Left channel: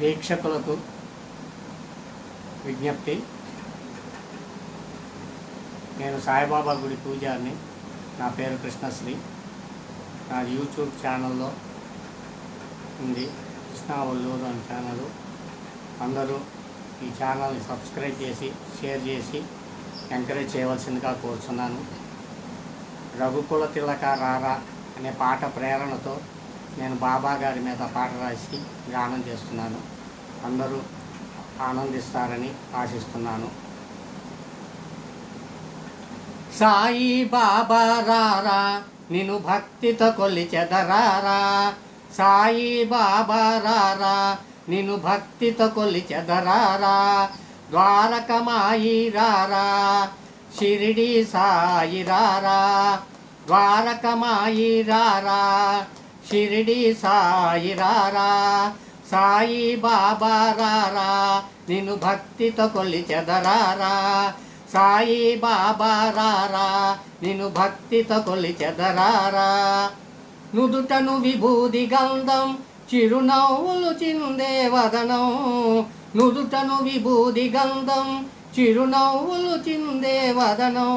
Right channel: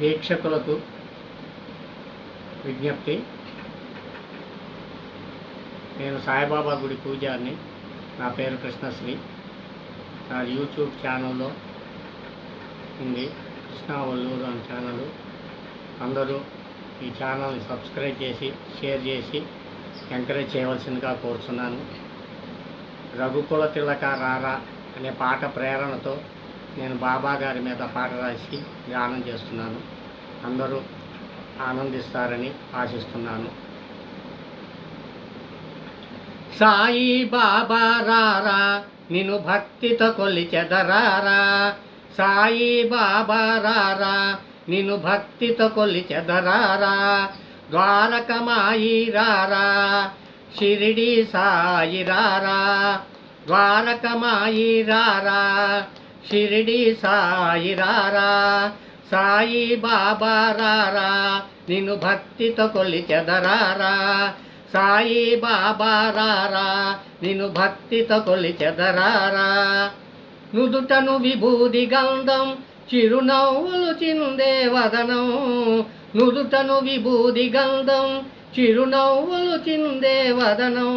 వీక్షకులకు విజ్ఞప్తి. నేను సాయిబాబా గుడి పూజారిని. నా పేరు కృష్ణశ్రీ. నా యూట్యూబ్ ఛానల్లో ఉంది, కృష్ణ ఒల్లూరు అని ఛానల్. అందరూ ఈ ఛానల్ని సబ్స్క్రైబ్ చేసి షేర్ చేసి ఎంకరేజ్ చేయవలసిందిగా కోరుతున్నాను. రఘుకుల తిలక రారా అనే పాట ప్రేరణతో నేను బాబా గారి మీద పాట రాసి గానం చేస్తున్నాను. అందరూ ఆనందిస్తారని ఆశిస్తున్నాను. సాయి బాబా రారా నిన్ను భక్తితో కొలిచెదరారా, సాయి బాబా రారా నిన్ను భక్తితో కొలిచెదరారా, ద్వారకమాయి రారా షిరిడి సాయి రారా, ద్వారకమాయి రారా షిరిడి సాయి రారా, సాయి బాబా రారా నిన్ను భక్తితో కొలిచెదరారా, సాయి బాబా రారా నిన్ను భక్తితో కొలిచెదరారా. నుదుటను విభూది గంధం చిరునవ్వులు చిందే వదనం, నుదుటను విభూది గంధం చిరునవ్వులు చిందే వదనం,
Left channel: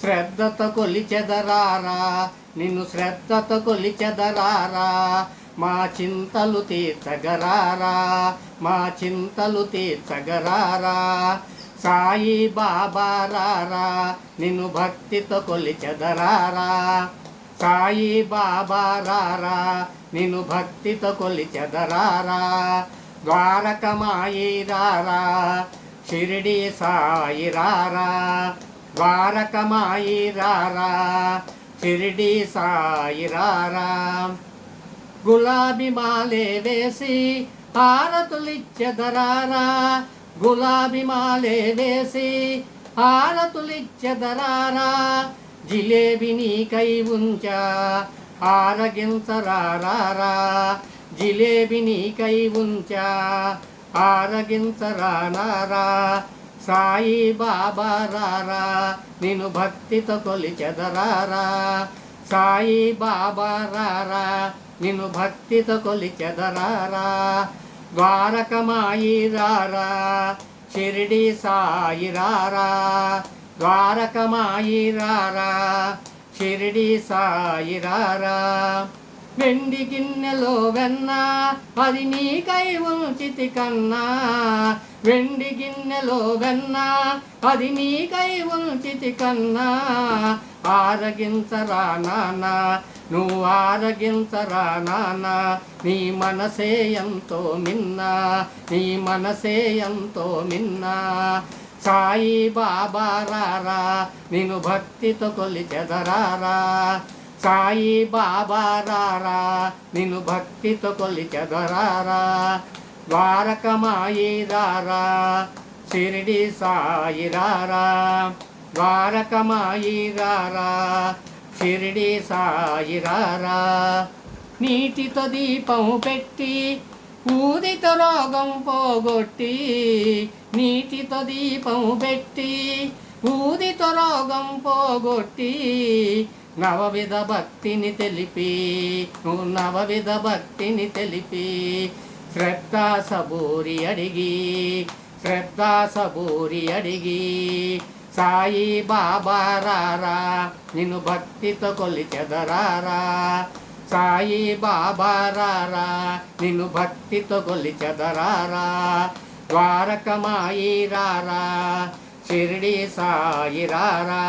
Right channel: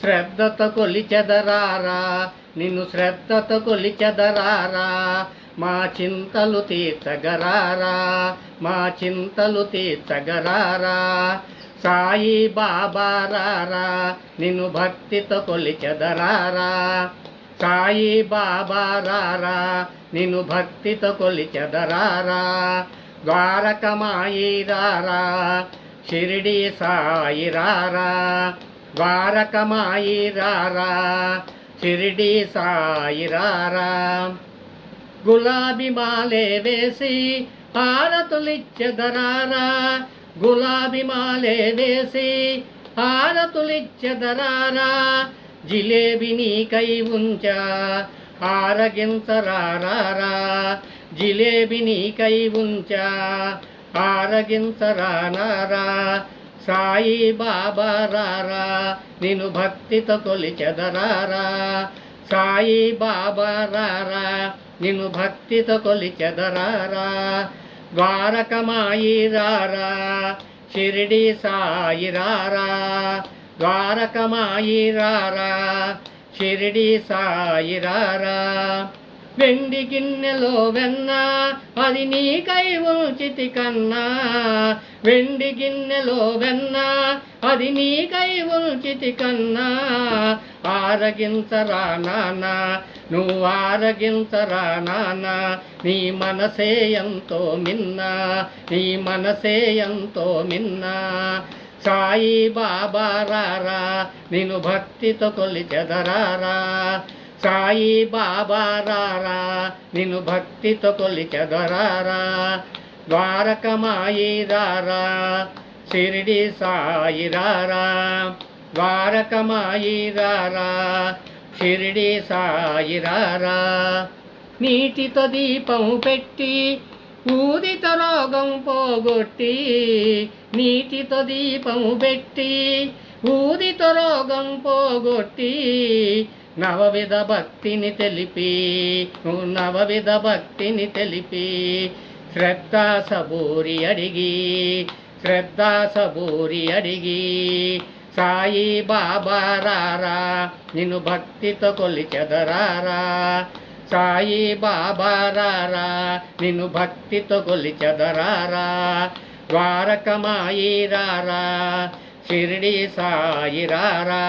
శ్రద్ధతో కొలిచెదరారా నిన్ను శ్రద్ధతో కొలిచెదరారా, మా చింతలు తీర్చగరారా మా చింతలు తీర్చగరారా, సాయి బాబా రారా నిన్ను భక్తితో కొలిచెదరారా, సాయి బాబా రారా నిన్ను భక్తితో కొలిచెదరారా, ద్వారకమాయి రారా షిరిడి సాయి రారా, ద్వారకమాయి రారా షిరిడి సాయి రారా. గులాబీ మాలే వేసి హారతులిచ్చెదరారా, గులాబీ మాలే వేసి హారతులిచ్చెదరారా, జిలేబీ నీకై ఉంచా ఆరగించరారా, జిలేబీ నీకై ఉంచా ఆరగించరారా, సాయి బాబా రారా నిన్ను భక్తితో కొలిచెదరారా, సాయి బాబా రారా నిన్ను భక్తితో కొలిచెదరారా, ద్వారకమాయి రారా షిరిడి సాయి రారా, ద్వారకమాయి రారా షిరిడి సాయి రారా. వెండి గిన్నెలో వెన్న అది నీకై ఉంచితి కన్నా, వెండి గిన్నెలో వెన్న అది నీకై ఉంచితి కన్నా, ఆరగించరా నాన్న నువ్వు ఆరగించరా నాన్న, నీ మనసే ఎంతో మిన్నా నీ మనసే ఎంతో మిన్నా, సాయి బాబా రారా నిన్ను భక్తితో కొలిచెదరారా, సాయి బాబా రారా నిన్ను భక్తితో కొలిచెదరారా, ద్వారకమాయి రారా షిరిడి సాయి రారా, ద్వారకమాయి రారా షిరిడి సాయి రారా. నీటితో దీపం పెట్టి ఊదితో రోగం పోగొట్టి, నీటితో దీపం పెట్టి ఊదితో రోగం పోగొట్టి, నవవిధ భక్తిని తెలిపి నవవిధ భక్తిని తెలిపి, శ్రద్ధా సబూరి అడిగి శ్రద్ధా సబూరి అడిగి, సాయి బాబా రారా నిన్ను భక్తితో కొలిచెదరారా, సాయి బాబా రారా నిన్ను భక్తితో కొలిచెదరారా, ద్వారకమాయి రారా షిరిడి సాయి రారా,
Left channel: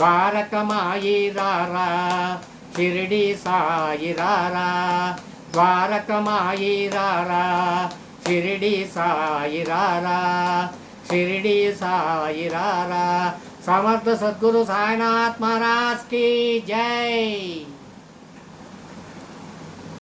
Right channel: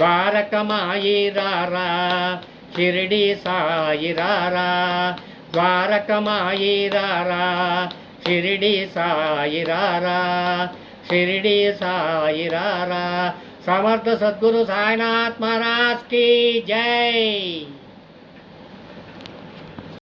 ద్వారకమాయి రారా షిరిడి సాయి రారా, ద్వారకమాయి రారా షిరిడి సాయి రారా, షిరిడి సాయి రారా. సమర్థ సద్గురు సాయినాథ్ మహారాజ్ की जय.